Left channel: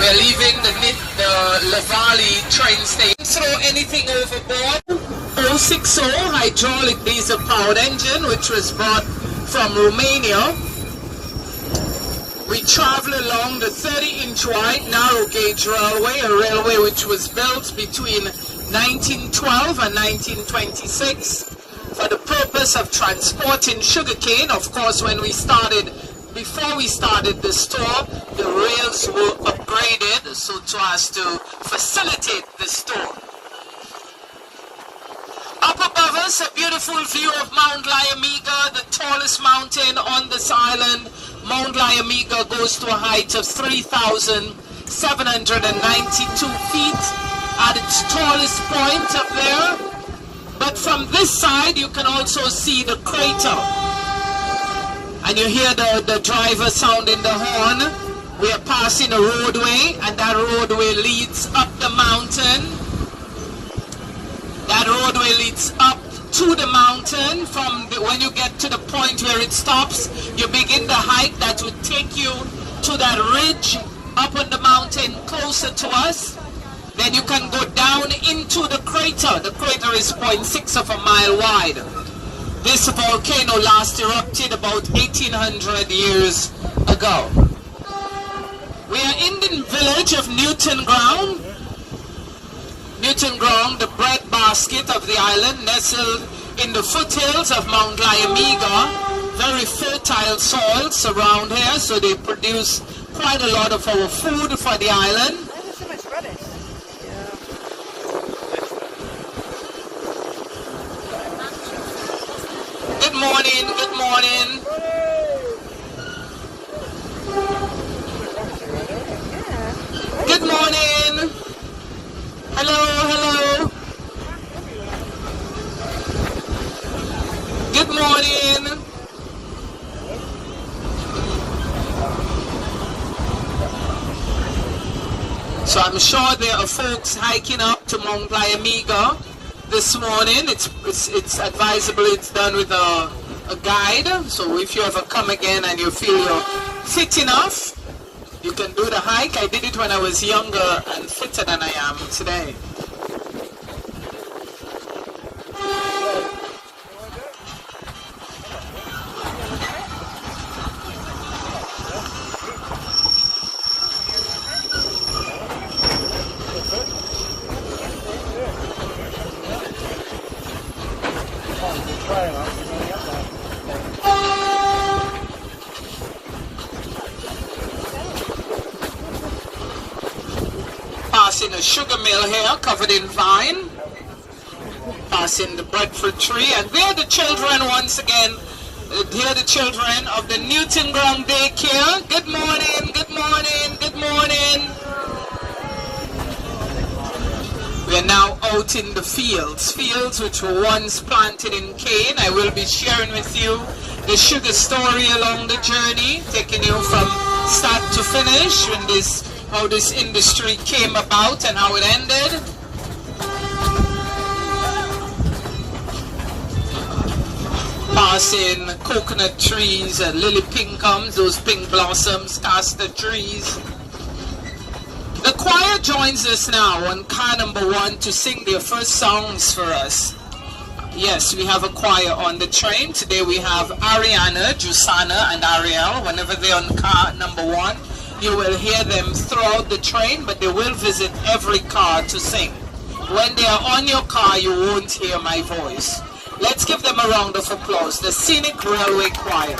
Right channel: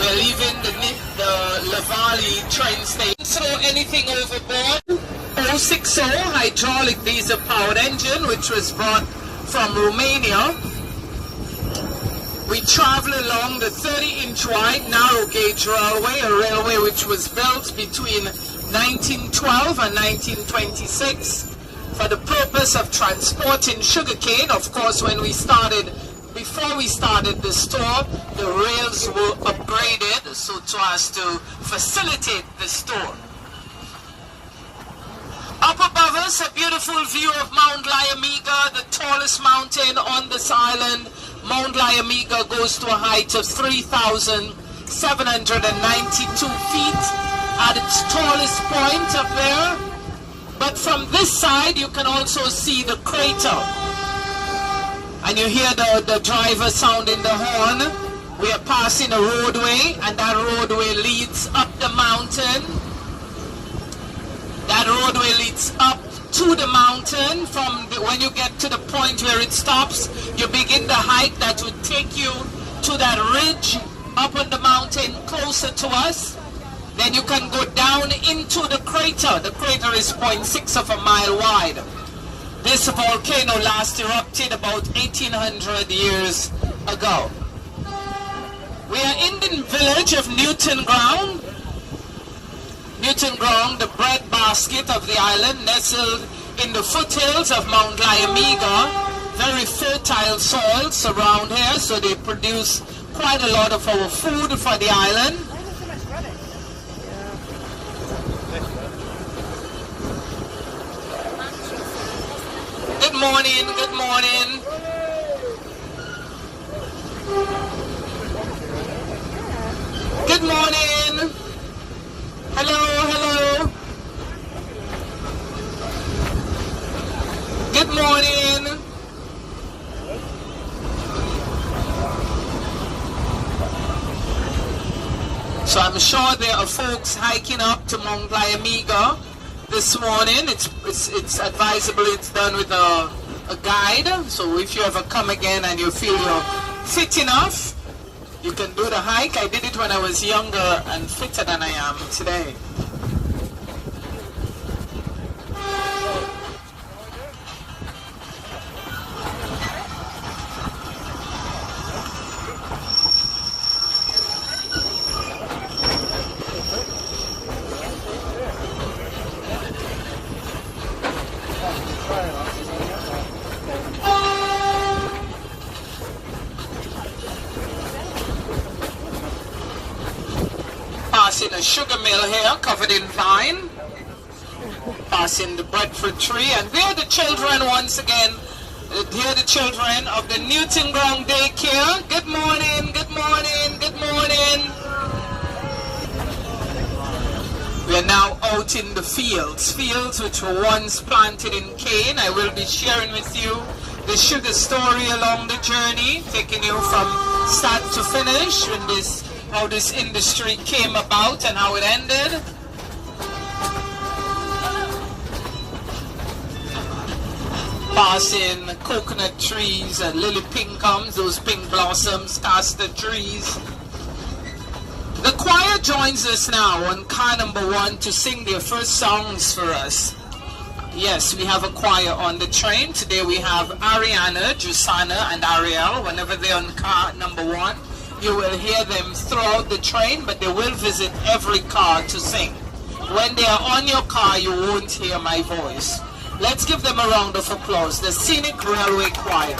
We're leaving the Lavali train station. Throw anything overboard. 060 hydraulic diesel powered engine, which was brought from Romania. We travel along the 30-inch wide narrow gauge railway, a railway which was built between 1912 and 1926 for the purpose of transporting sugarcane. Of course, before we started the store, the rails were upgraded so as to facilitate the store. Up above us, a beautiful view of Mount Lyamiga, the tallest mountain on this island. Mount Lyamiga goes to a height of 3,792 feet at its tallest point up there. But from this side, you can also see the crater. And you hear the driver sounding the horn. We are passing a roadway, and that roadway leads up the mountain. That roadway leads up to the mountain. When you get to the point where it stops, you begin the hike that would take you to that ridge up on the mountain closer to us. Then you can go down into the crater. The crater is 0.6 of a mile wide. This volcano last erupted about 1800 years ago. We are in the village of Newton Ground. Newton Ground, the bread basket of the island, nestled in the foothills of Mount Lyamiga. Very fertile soils around here, so they produce quite a lot of our food for the island. Good morning, good morning. Good morning. Hello, hello. Good morning. So I'm sure there are folks hiking up to Mount Lyamiga this morning. It's advisable it's done with a guide. So if you ever come again and you feel you're fit enough, you can do the hike. I did it when I was younger and fitter than I am today. Passing a sugar mill here covered in vine. Passing the breadfruit tree, and there are the children once again. Here are the children of the Newton Ground Daycare. Good morning, good morning, good morning. We are now out in the fields which were once planted in cane. I will be sharing with you the sugar story along the journey, taking you from start to finish, how this industry came about and how it ended. Passing coconut trees and lily pinkums, those pink blossoms, castor trees. The choir joins us now on car number 1 to sing their first songs for us. Yes, we have a choir on the train. Today we have Ariana, Jusana, and Ariel. Whenever they're on car number 1, you will hear them throughout the train, but they will visit every car to sing. When they are on your car, you won't hear my voice. Let's give them a round of applause. The Scenic Railway Choir.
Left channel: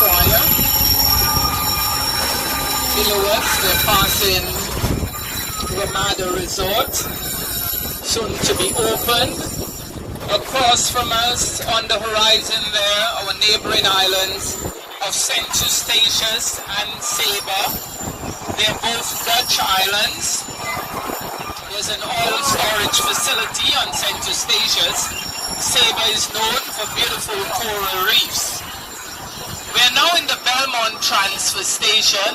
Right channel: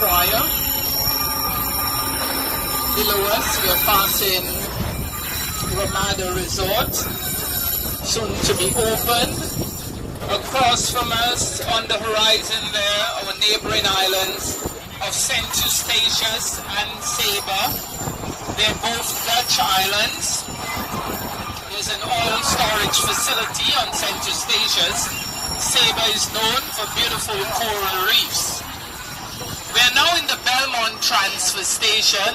choir. Below us, we're passing Ramada Resort, soon to be opened. Across from us, on the horizon there, our neighboring islands of St. Eustatius and Saba. They're both Dutch islands. There's an oil storage facility on St. Eustatius. Saba is known for beautiful coral reefs. We are now in the Belmont transfer station.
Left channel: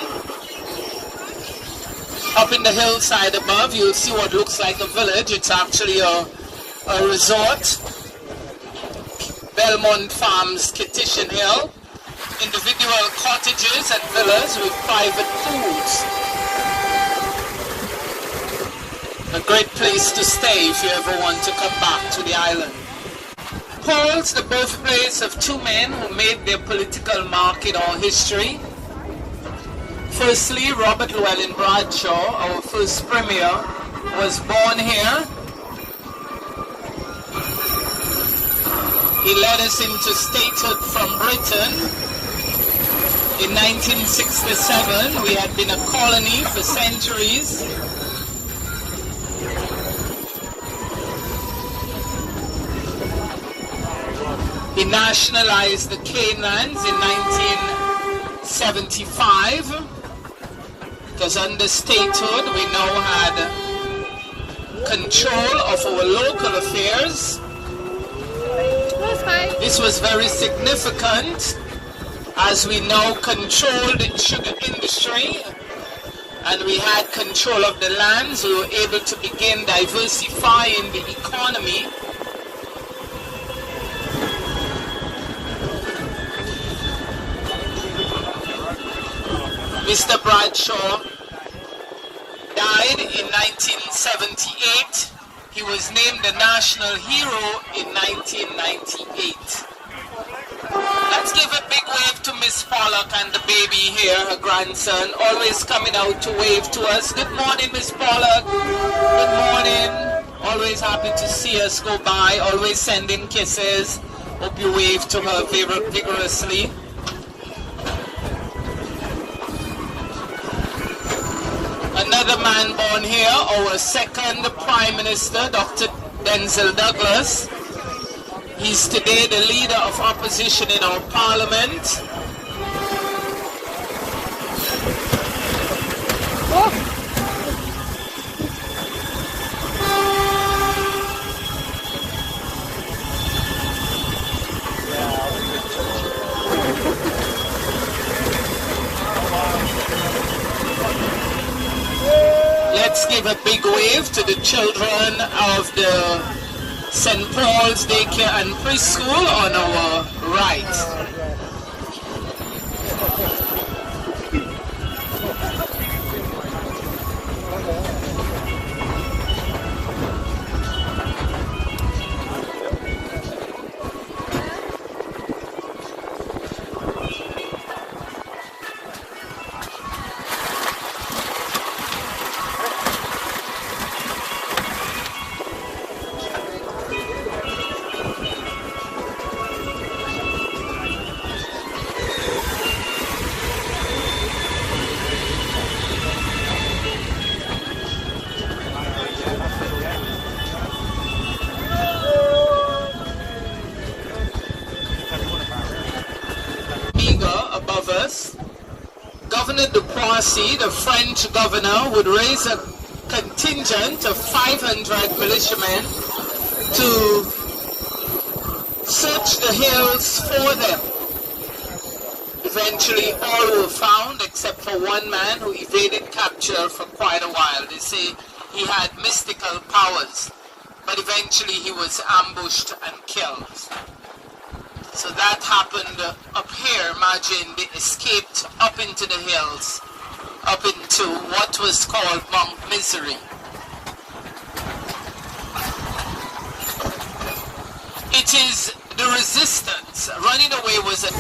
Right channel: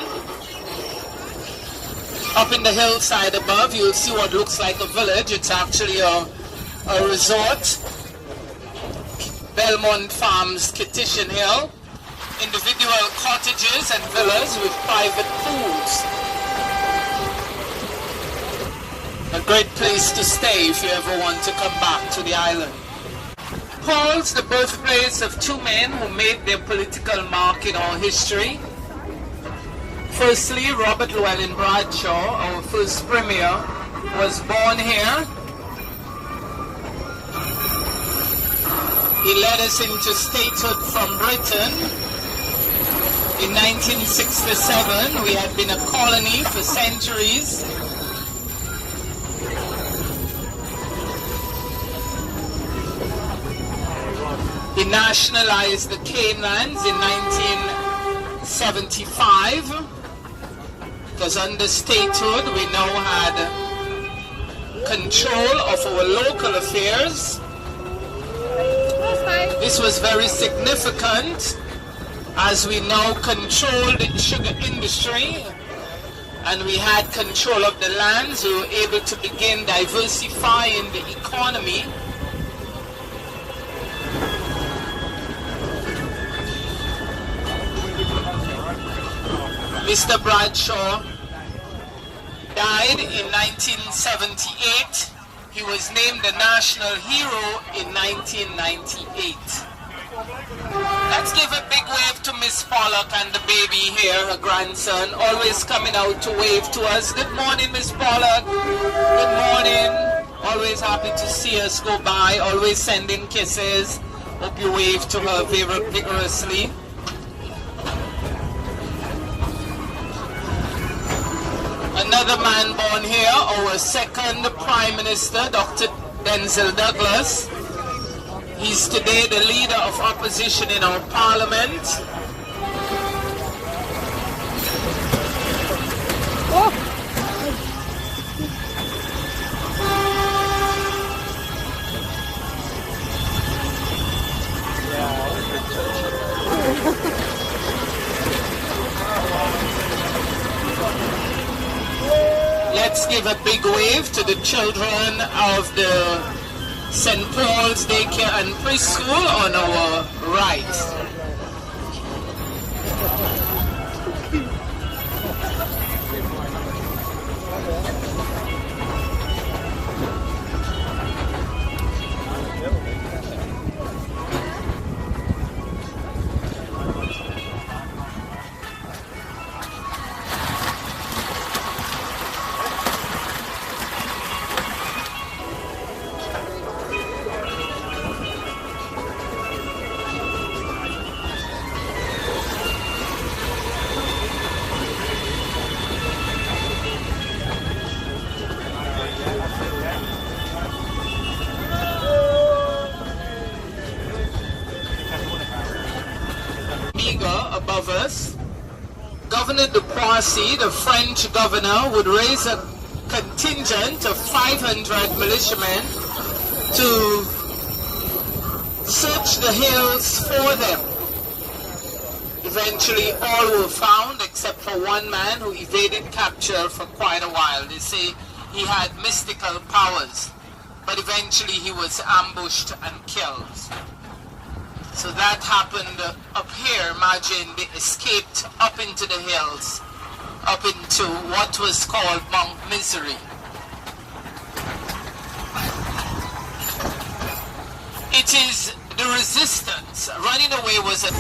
Up in the hillside above, you'll see what looks like a village. It's actually a resort. Belmont Farms, Kittish Hill. Individual cottages and villas with private pools. A great place to stay if you ever want to come back to the island. Paul's the birthplace of two men who made their political mark in our history. Firstly, Robert Llewellyn Bradshaw, our first premier, was born here. He led us into statehood from Britain. In 1967, we had been a colony for centuries. He nationalized the cane lands in 1975. Because under statehood, we now had control of our local affairs. This was very significant as we now controlled the sugar industry and we had control of the lands. We were able to begin diversifying the economy. Mr. Bradshaw died in 1978. He was named the national hero in 1998. Let's give a big wave to Miss Pollock and the baby here, her grandson, always coming out to wave to us. Good morning, Miss Pollock. Good morning. Always happy to see us go by, always sending kisses. Hope you wave to her vigorously. Another man born here, our second Prime Minister, Dr. Denzel Douglas. He's today the leader of opposition in our parliament. Oh. Let's give a big wave to the children of the St. Paul's Daycare and Preschool on our right. Above us, Governor de Poissy, the French governor, would raise a contingent of 500 militiamen to search the hills for them. Eventually all were found except for one man who evaded capture for quite a while. They say he had mystical powers, but eventually he was ambushed and killed. So that happened up here. Imagine they escaped up into the hills, up into what was called Mount Misery. It is the resistance. Running away was a...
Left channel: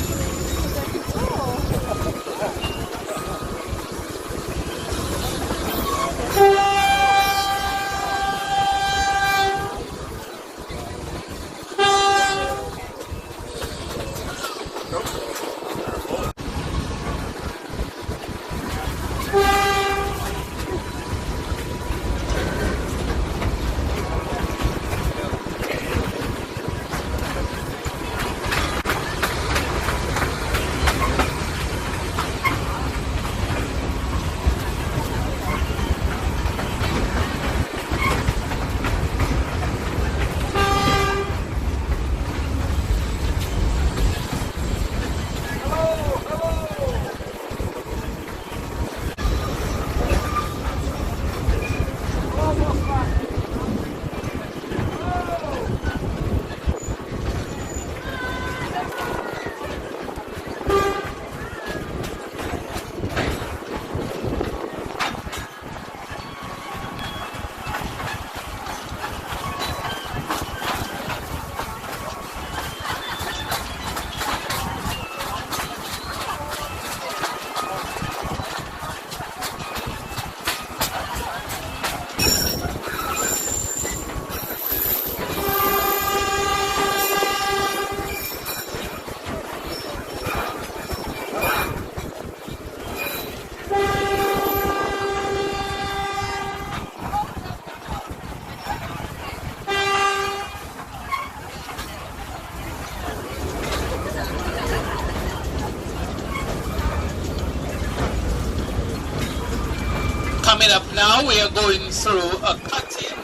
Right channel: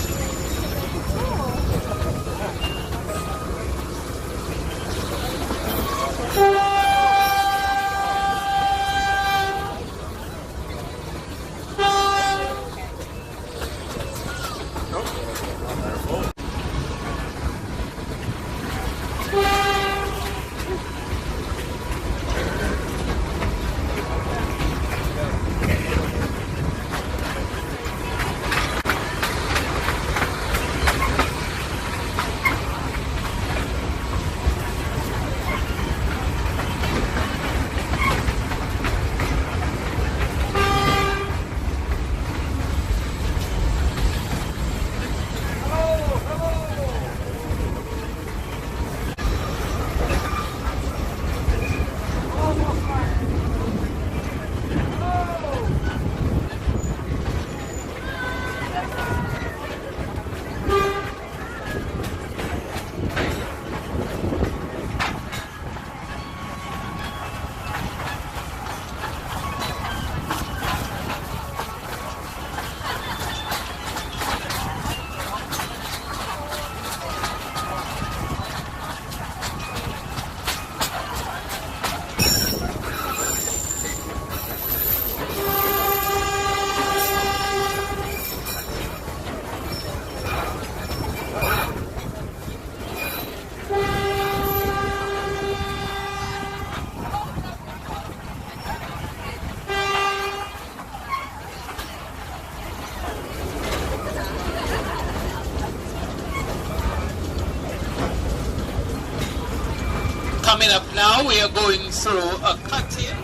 coming up now. We are going through a cutting.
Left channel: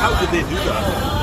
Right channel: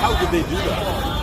How did they do that?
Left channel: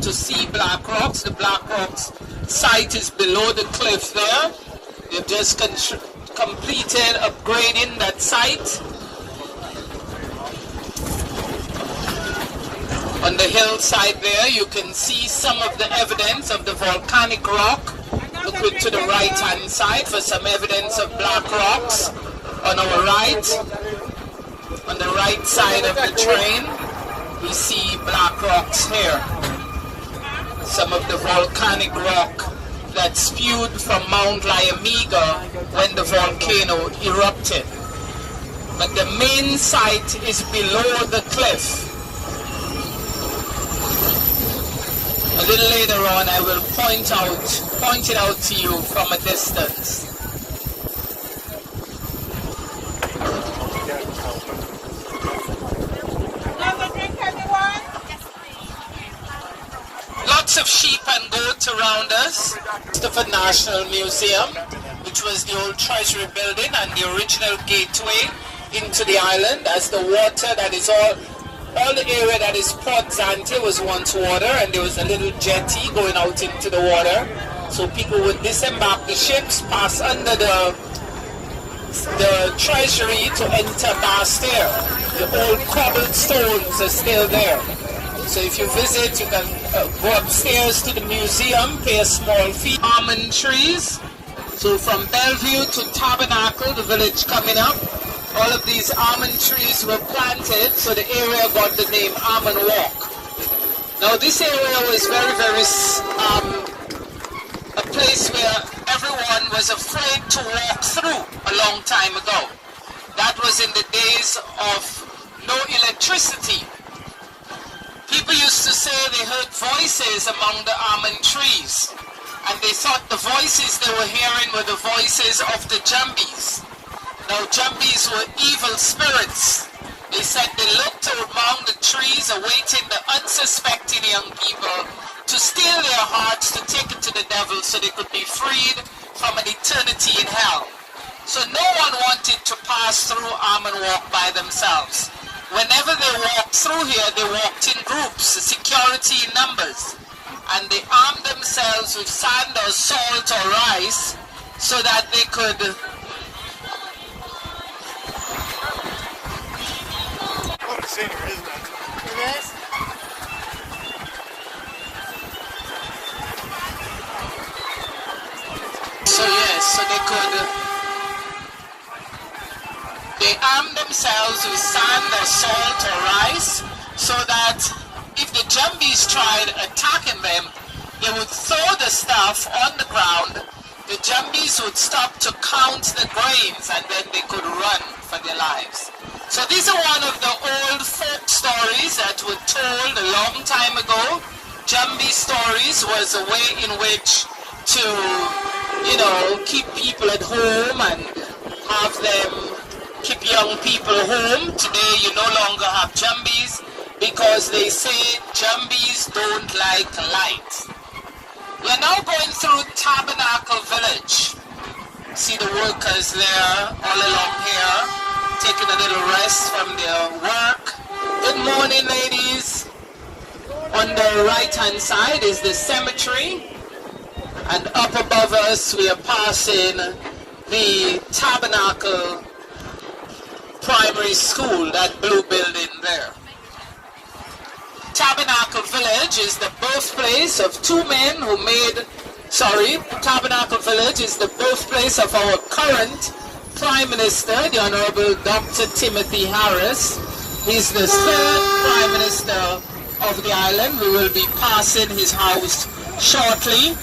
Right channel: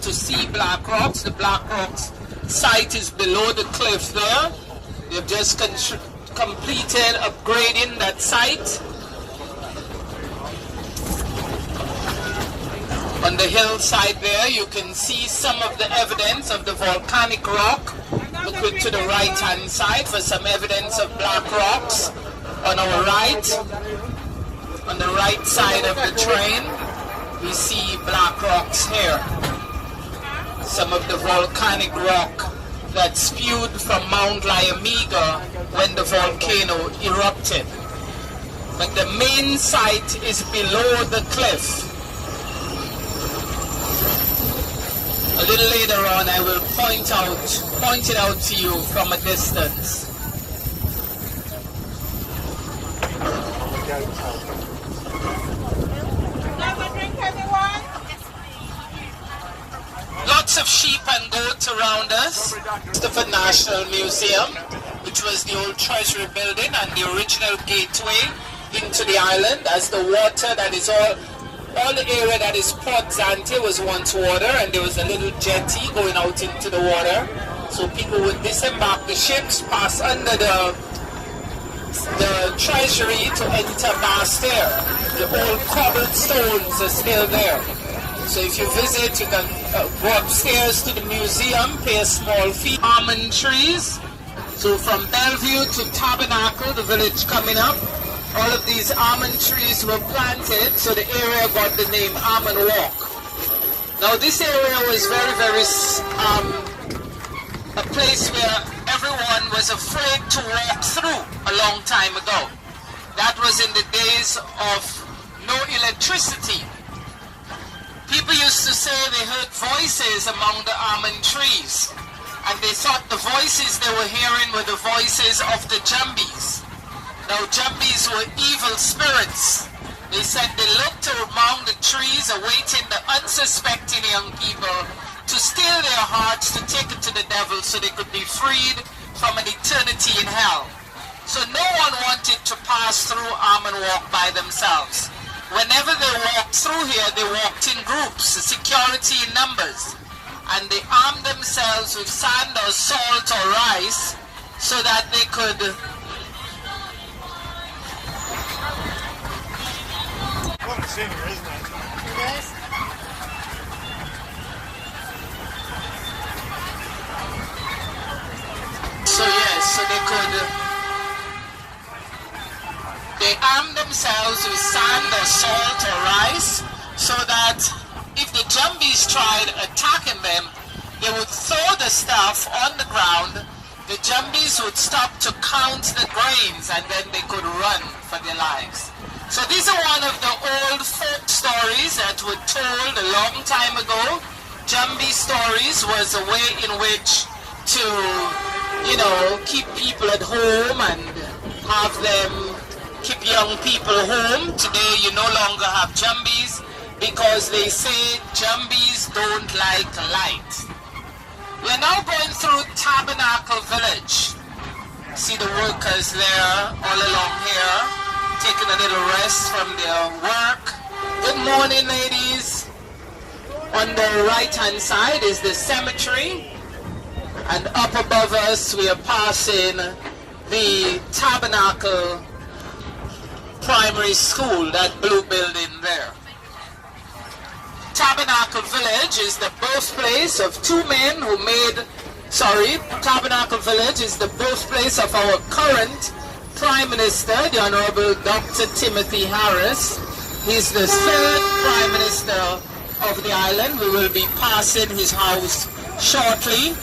To see Black Rocks. The Black Rocks site is below the cliff there. They've just completed upgrading that site. On the hillside there, you can see some of the evidence of the volcanic rock. Look to the right hand side for some evidence of black rocks. On our right, on the right side of the train, we see black rocks here. Some of the volcanic rock that spewed from Mount Lyamiga when the volcano erupted. But the main site is below the cliff. A little later on I will point it out to you from a distance. Lots of sheep and goats around us. The National Museum, which was the old treasury building and the original gateway into the island, as the water that is all the area that is Port Zante was once water, and there was a little jetty going out into the water. So people would disembark the ships, pass under the treasury to enter Basseterre. The old cobblestones are still there. So if you visit, you can go upstairs to the museum, pay a small fee. Almond trees. So from Bellevue to Tabernacle, the village coming up, all of these almond trees were planted, so the area got the name Almond Walk. Now this area was very a place where everyone was afraid to walk through a long time ago. That was in the days of no electricity. People used to say they heard voices among the almond trees, and they thought the voices they were hearing were the voices of the Jumbies. Now Jumbies were evil spirits. They said they looked among the trees awaiting the unsuspecting young people to steal their hearts, to take it to the devil so they could be freed from an eternity in hell. So no one wanted to pass through Almond Walk by themselves. Whenever they walked through here, they walked in groups, security in numbers, and they armed themselves with sand or salt or rice so that they could Scenery, isn't it? It is. so yes, so they arm themselves with sand or salt or rice, so that if the Jumbies tried attacking them, they would throw the stuff on the ground. The Jumbies would stop to count the grains, and then they could run for their lives. So these are one of the old folk stories that were told a long time ago. Jumbi stories was a way in which to, you know, keep people at home and have them keep young people home. Today you no longer have Jumbies because they say Jumbies don't like light. We are now going through Tabernacle village. See the workers there all along here, taking a little rest from their work. Good morning, ladies. On the right hand side is the cemetery, and up above us we are passing the Tabernacle Primary School, that blue building there. Tabernacle Village is the birthplace of two men who made, Tabernacle Village is the birthplace of our current Prime Minister, the Honorable Dr. Timothy Harris. He's the third Prime Minister of the island. We will be passing his house shortly.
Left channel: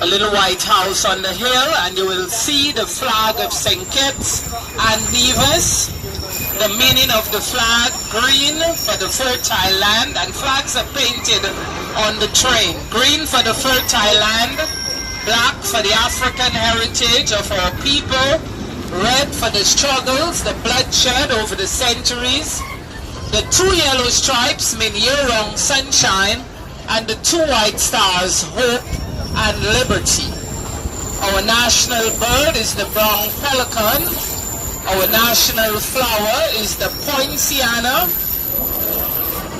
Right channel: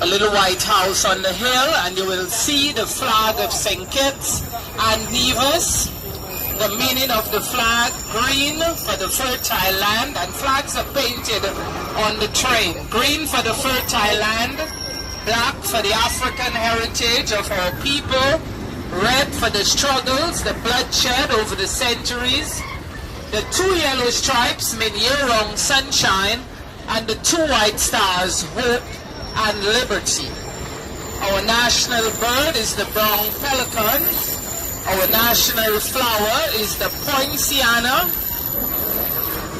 A little white house on the hill, and you will see the flag of St. Kitts and Nevis. The meaning of the flag: green for the fertile land, and flags are painted on the train. Green for the fertile land, black for the African heritage of our people, red for the struggles, the bloodshed over the centuries. The two yellow stripes mean year-round sunshine, and the two white stars, hope and liberty. Our national bird is the brown pelican. Our national flower is the poinciana.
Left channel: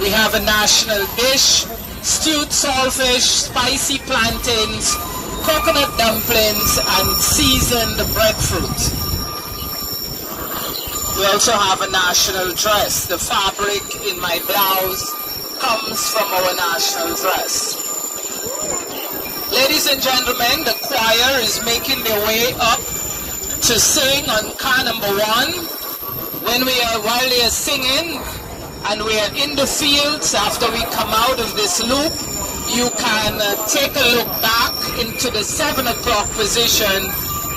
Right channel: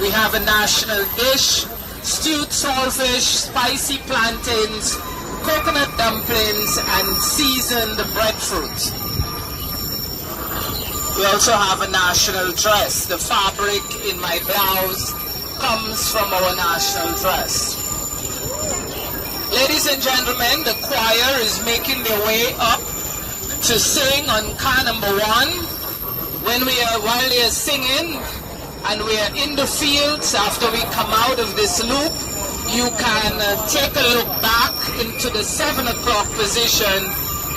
We have a national dish: stewed saltfish, spicy plantains, coconut dumplings, and seasoned breadfruit. We also have a national dress. The fabric in my blouse comes from our national dress. Ladies and gentlemen, the choir is making their way up to sing on car number 1. While they are singing and we are in the fields, after we come out of this loop, you can take a look back into the 7 o'clock position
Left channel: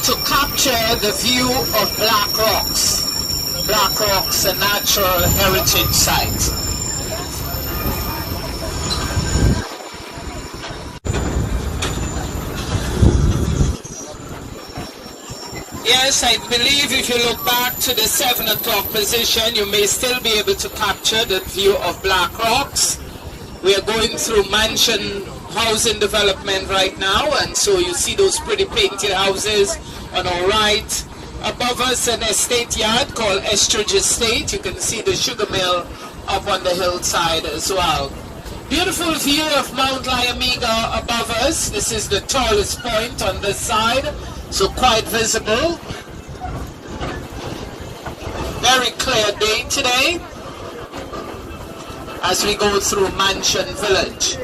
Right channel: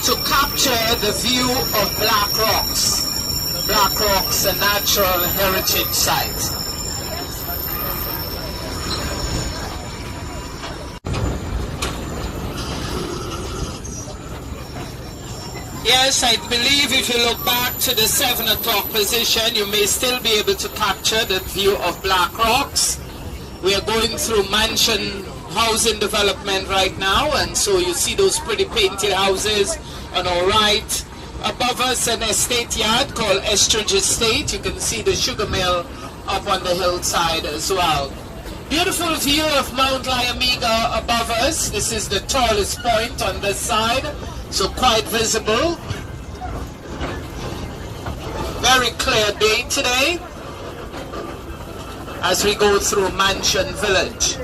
to capture the view of Black Rocks. Black Rocks, a natural heritage site. Yes, I believe if you look back to the 7 o'clock position, you may still be able to capture the view of Black Rocks. We are going through mansion housing development right now, and so you see those pretty painted houses on our right. Above us, an estate yard called Estridge Estate. You can see the sugar mill up on the hillside as well. Beautiful view of Mount Lyamega above us. This is the tallest point on this side, so quite visible. Very clear day today as we go through Mansion Village.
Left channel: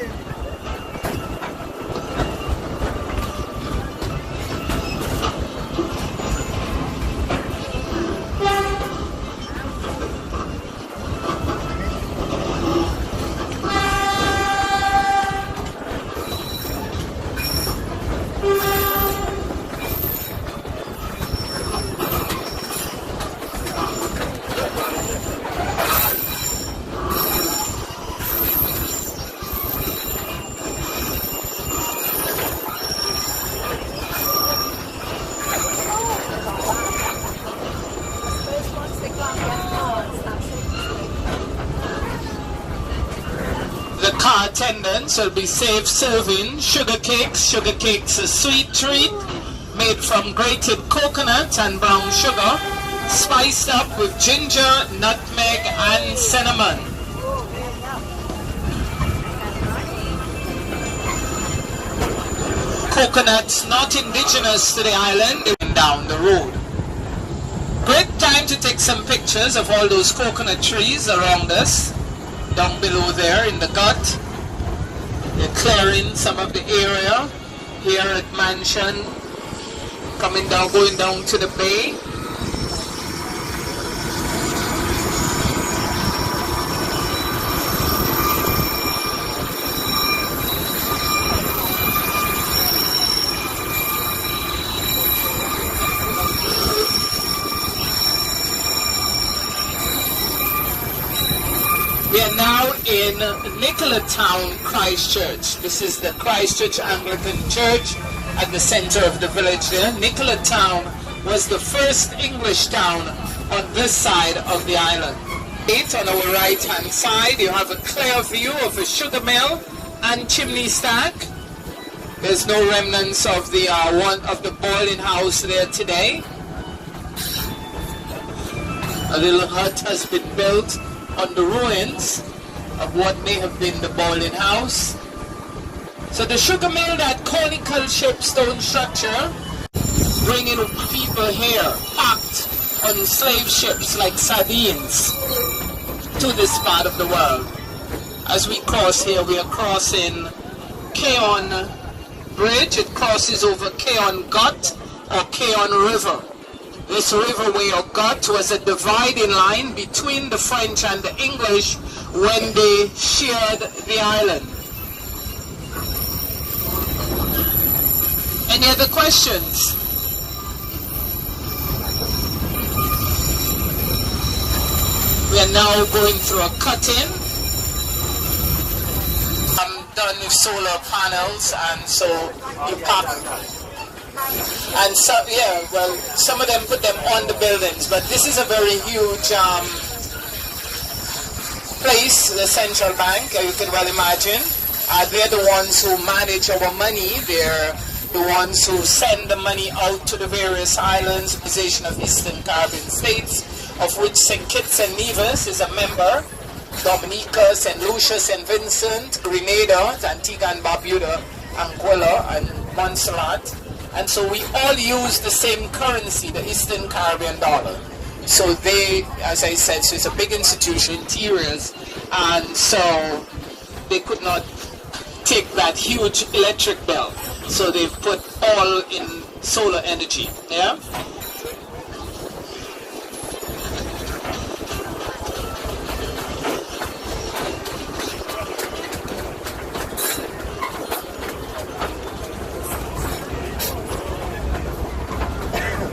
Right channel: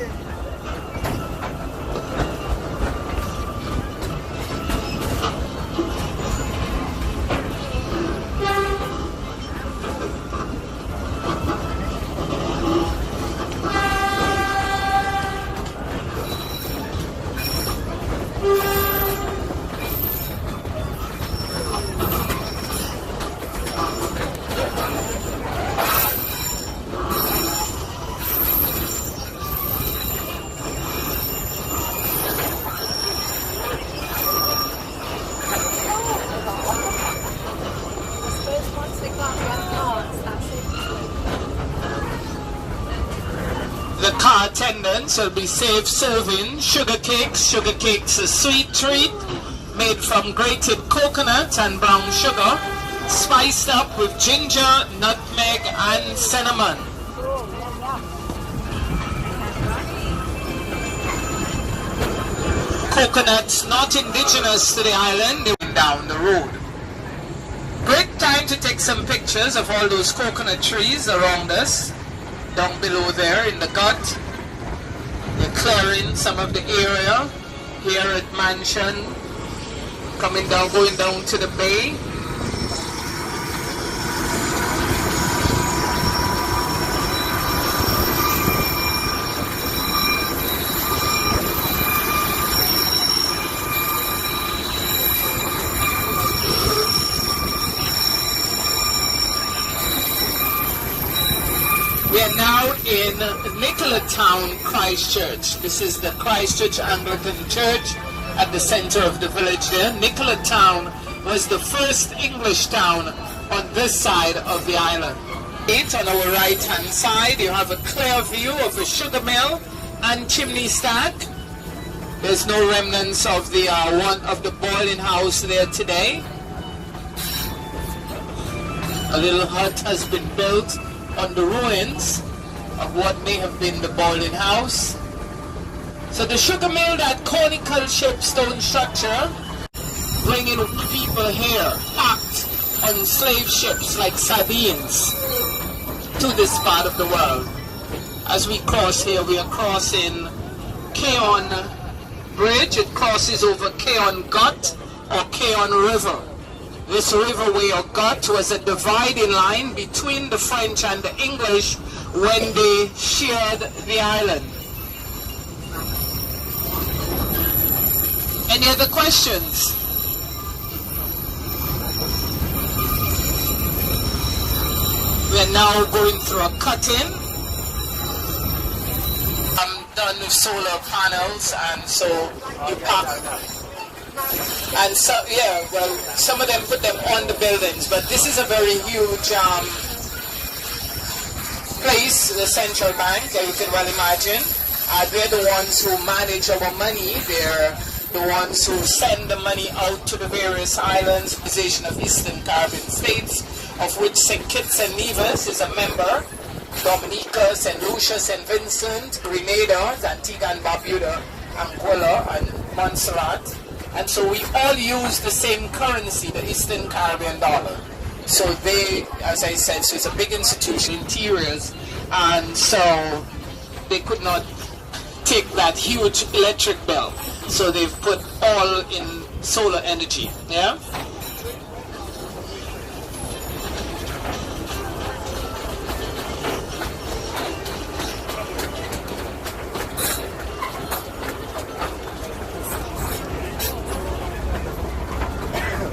Car attendants will be safe serving sugar cakes. Sugar cakes, a sweet treat made from grated coconut and brown sugar, spiced up with ginger, nutmeg, and cinnamon. coconuts not indigenous to the island, they went down the road. Great time to take some pictures of all those coconut trees around us, down below there in the gut. They're clearing some of the area here at Mansion, coming down, going down to the bay. We are now in Nicola Town, Christchurch. This is the Christchurch Anglican Church at the center of the village there. Nicola Town was the first English town on this side of the island. On our right hand side you have a clear view of a sugar mill and chimney stack. There's no remnants of the boiling house there today. A little hut has been built on the ruins of what may have been the boiling house. So the sugar mill, that conical shaped stone structure, bringing people here packed on slave ships like sardines to this part of the world. As we cross here, we are crossing Keon Bridge. It crosses over Keon Gut or Keon River. This riverway or gut was a dividing line between the French and the English when they shared the island. Any other questions? We are now going through a cut-in. I'm done with solar panels, and so you park. And so, yeah, well, some of them put them on the buildings, but this is a very huge place, the central bank, you can well imagine. They're the ones who manage our money. They're the ones who send the money out to the various islands, Organization of Eastern Caribbean States, of which St. Kitts and Nevis is a member, Dominica, St. Lucia, St. Vincent, Grenada, Antigua and Barbuda, Anguilla, and Montserrat. And so we all use the same currency, the Eastern Caribbean dollar. So they, as I said, so it's a big institution, interiors, and so they could not take that huge electric bill. So they've put all in solar energy, yeah?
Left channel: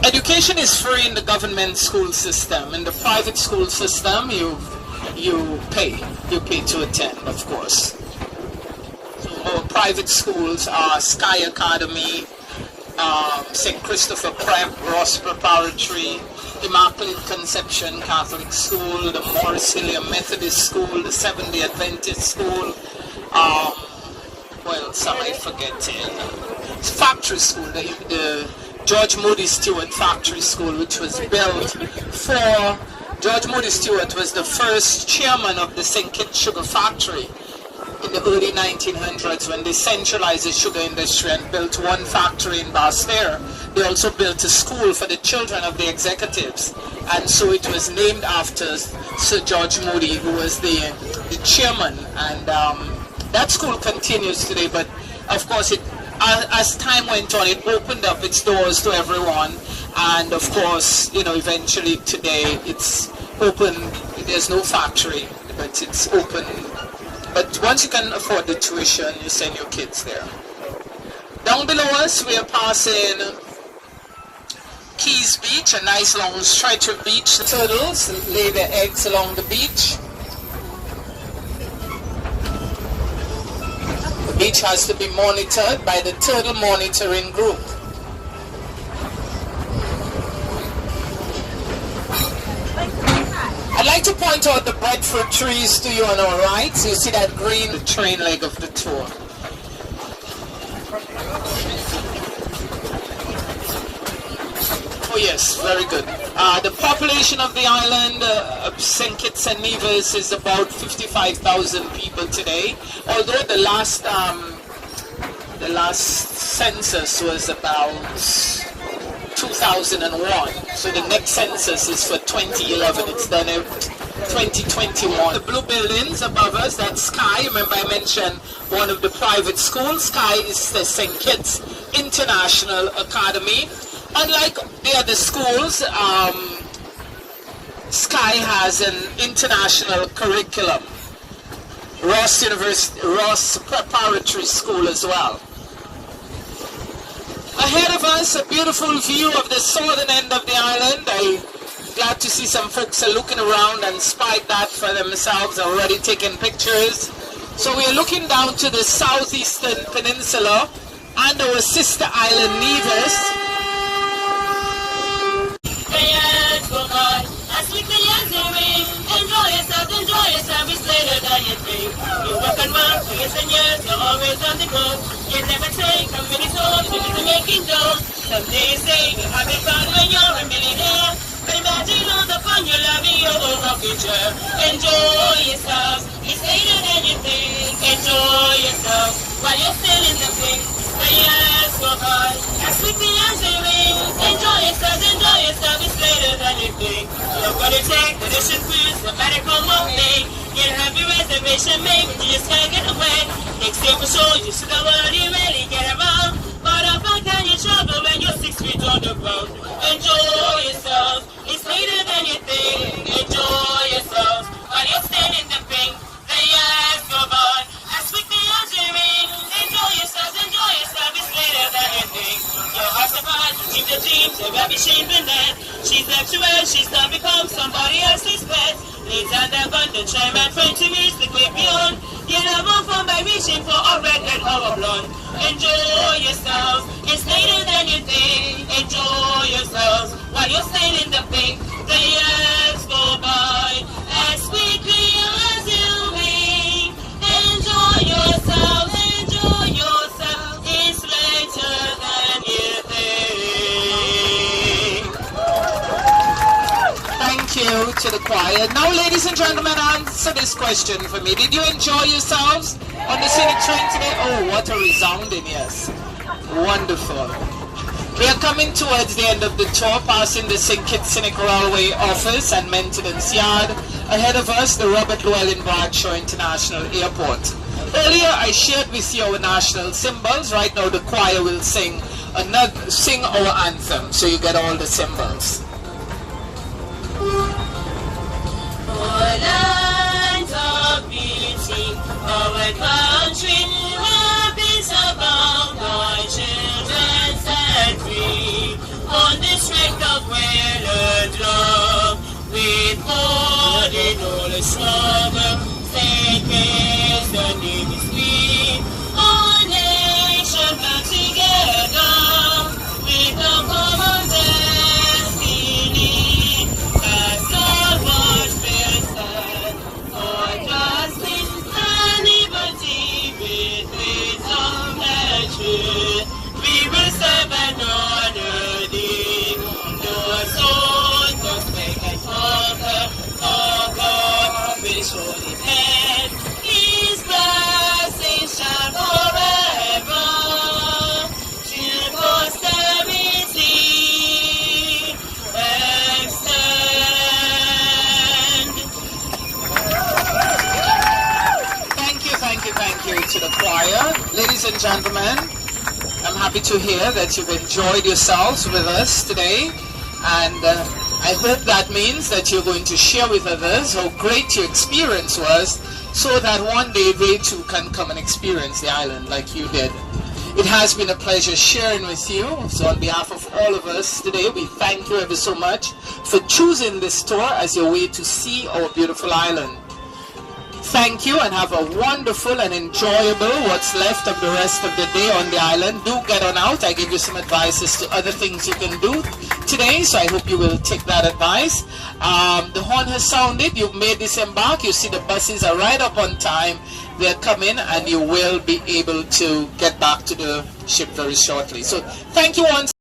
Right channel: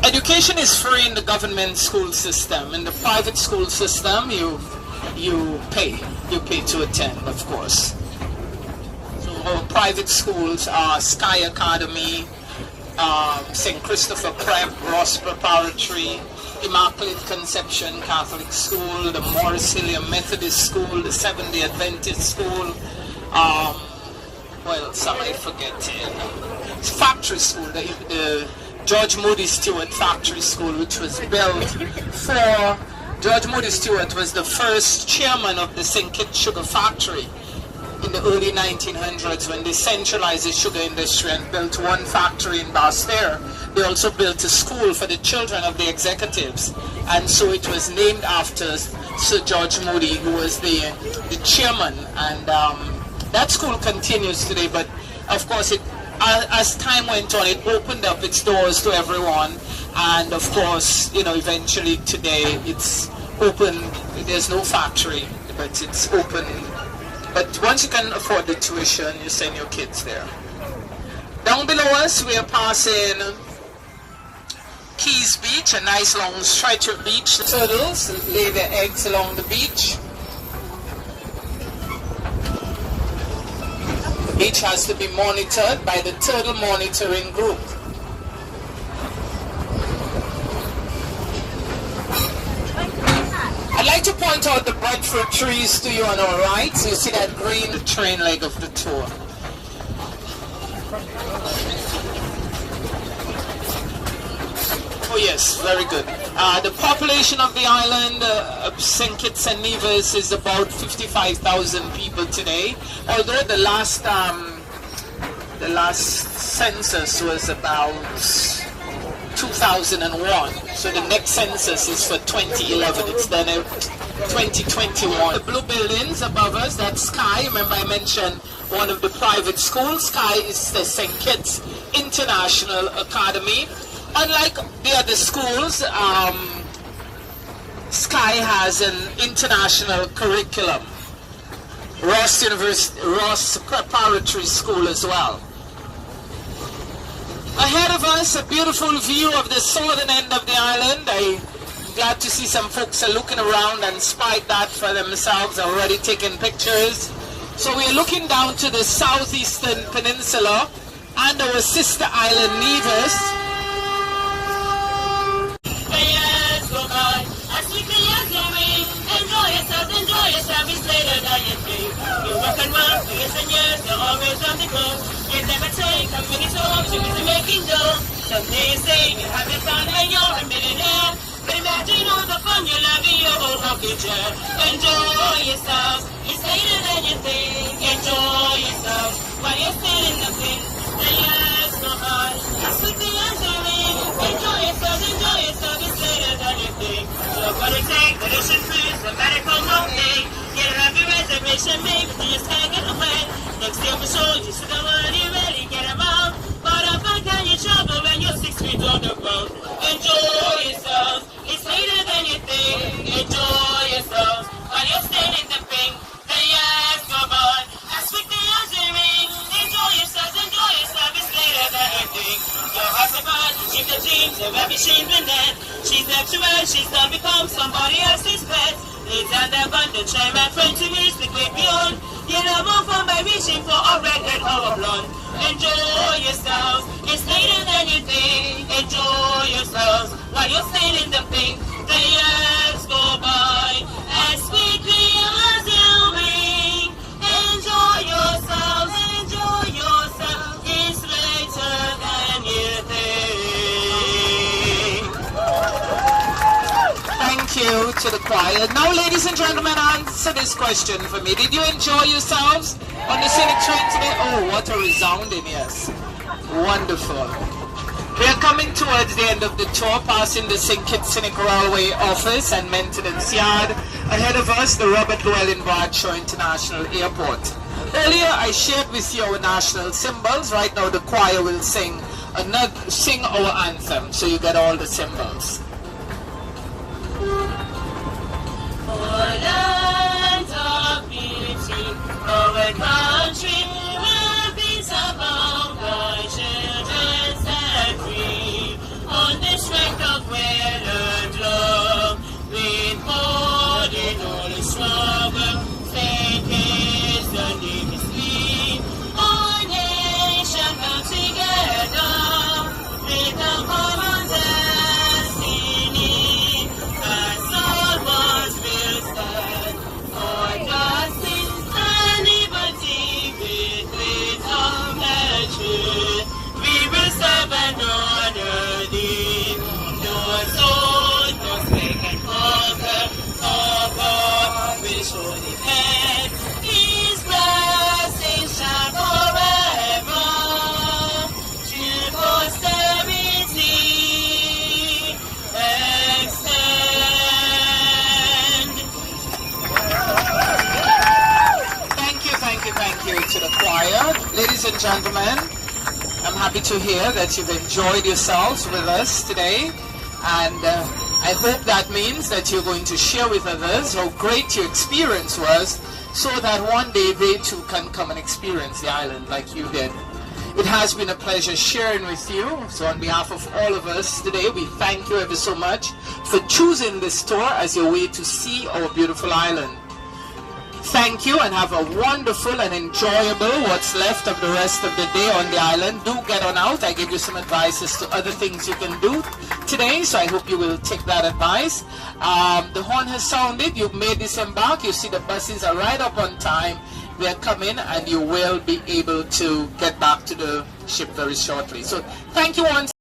Education is free in the government school system. In the private school system, you pay to attend, of course. So our private schools are Sky Academy, St. Christopher Prep, Ross Preparatory, Immaculate Conception Catholic School, the Morris Hillier Methodist School, the Seventh-day Adventist School, well, some I forget, Factory School, the George Moody Stewart Factory School, which was built for, George Moody Stewart was the first chairman of the St. Kitts Sugar Factory in the early 1900s when they centralized the sugar industry and built one factory in Basseterre. They also built a school for the children of the executives, and so it was named after Sir George Moody, who was the chairman, and that school continues today, but of course as time went on, it opened up its doors to everyone, and of course, you know, eventually today it's open. There's no factory, but it's open. But once you can afford the tuition, you send your kids there. Down below us, we are passing Keys Beach, a nice long stretch of beach. The turtles lay their eggs along the beach. The beach has to be monitored by the turtle monitoring group. I'd like to point out the breadfruit trees to you on our right. So you see that green, the train leg of the tour. Oh yes, very good. The population of the island of St. Kitts and Nevis is about 55,000 people today. Although the The last census was about 2001. So the next census is for 2011. It's done in 2021. The blue buildings above us, that's Sky. Remember I mentioned one of the private schools. Sky is the St. Kitts International Academy. Unlike the other schools, Sky has an international curriculum. Ross Preparatory School as well. Ahead of us, a beautiful view of the southern end of the island. I'm glad to see some folks are looking around and spied that for themselves, already taking pictures. So we are looking down to the southeastern peninsula and our sister island Nevis. Enjoy yourself, it's later than you think. You work and work for years and years, you're always on the go. You never take how many songs you're busy making dough. Some days say you have it fun when you're a millionaire. But imagine all the fun you'll have in your own rocking chair. Enjoy yourself, it's later than you think. Enjoy yourself while you're still in the pink. The years go by as quickly as they ring. Enjoy yourself, it's later than you think. You're gonna take the ocean cruise, no matter how long day. You'll have your reservation made, but you just can't get away. Next year for sure, you should have already really get around. But I'm back and you travel when you're 6 feet on the ground. Enjoy yourself, it's later than you think. Enjoy yourself while you're still in the pink. The years go by as quickly as they ring. Enjoy yourself, it's later than you think. Your heart's a man, you keep the dreams, you'll have she's been dead. She's left you well, she's now become somebody else's pet. It's undergone, try my friend to reach the great beyond. You never move on by reaching for a redhead or a blonde. Enjoy yourself, it's later than you think. Enjoy yourself while you're still in the pink. The years go by as quickly as you wink. Enjoy yourself, it's later than you think. Thank you to the choir. Now, ladies and gentlemen, answer this question for me. Did you enjoy yourselves on the scenic train today? Oh, what a resounding yes. Wonderful. We are coming towards the end of the tour, passing the St. Kitts Scenic Railway office and maintenance yard. Ahead of us, the Robert Llewellyn Bradshaw International Airport. Earlier, I shared with you our national symbols. Right now, the choir will sing our anthem, so you get all the symbols. Land of beauty, our country, where peace abound, our children set free. On the strength of well-earned love, with God in all the struggle, faith is the name is free. Our nation bound together, with a common destiny, as all wars will stand, for justice and liberty, with wisdom and truth, we will serve and honor thee. Your soul must make and conquer, for God will show his hand. His blessings shall forever to posterity extend. Thank you to the choir. Ladies and gentlemen, I'm happy to hear that you've enjoyed yourselves with us today, and I hope that means that you're going to share with others how great your experience was, so that one day they too can come and experience the island like you did. It has been a pleasure sharing with you. So on behalf of all of us today, we thank you ever so much for choosing this tour as your way to see our beautiful island. Thank you, and have a wonderful and enjoyable what's left of the rest of the day on the island. Do get on out. I gave you some advice as to other things you can do today, so I hope you will take that advice. The horn has sounded. You've made disembark. You see the buses are right up on time. They're coming, and you will be able to get back to the ship very shortly. So thank you once